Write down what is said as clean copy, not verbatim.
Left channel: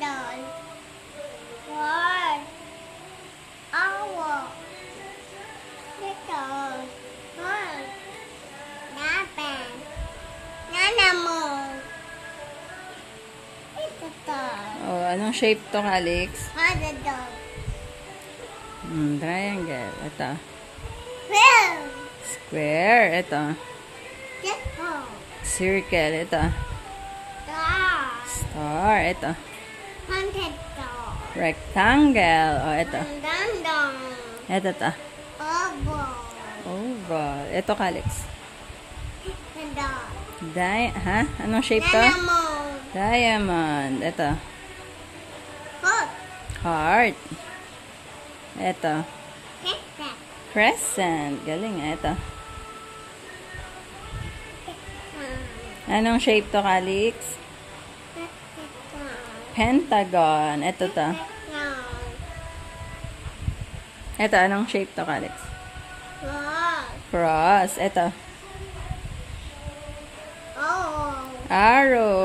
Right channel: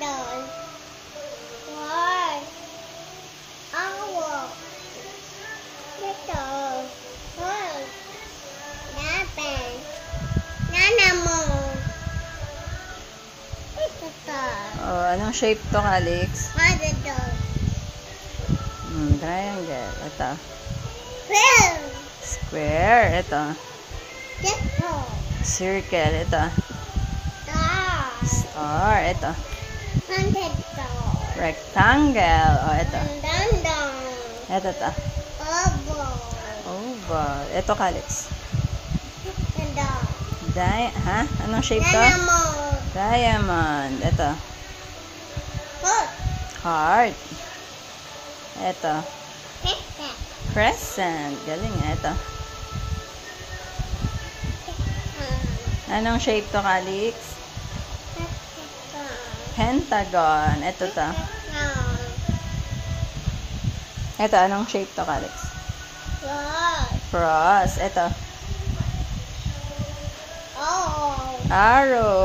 doon. Four. Awo. Ito. Four. Dapat. Nana mo. Ito to. Oh, anong shape to, Calix? Ano doon? Triangle. Ito. Well. Square. Ito. Ito. Circle. Ito. Star. Star. Ito. Haunted to. Rectangle. Oh, ito. Dandang. Ito to. Oval. Oval. Ito, Calix. Ito doon. Ha? Anong shape to? Nana mo. Diamond. Ito. Foot. Heart. Ito. Ito. Crescent. Galing. Ito. Anong shape to, Calix? Pentagon. Ito to. Ito, anong shape to, Calix? Cross. Ito. Oh. Arrow.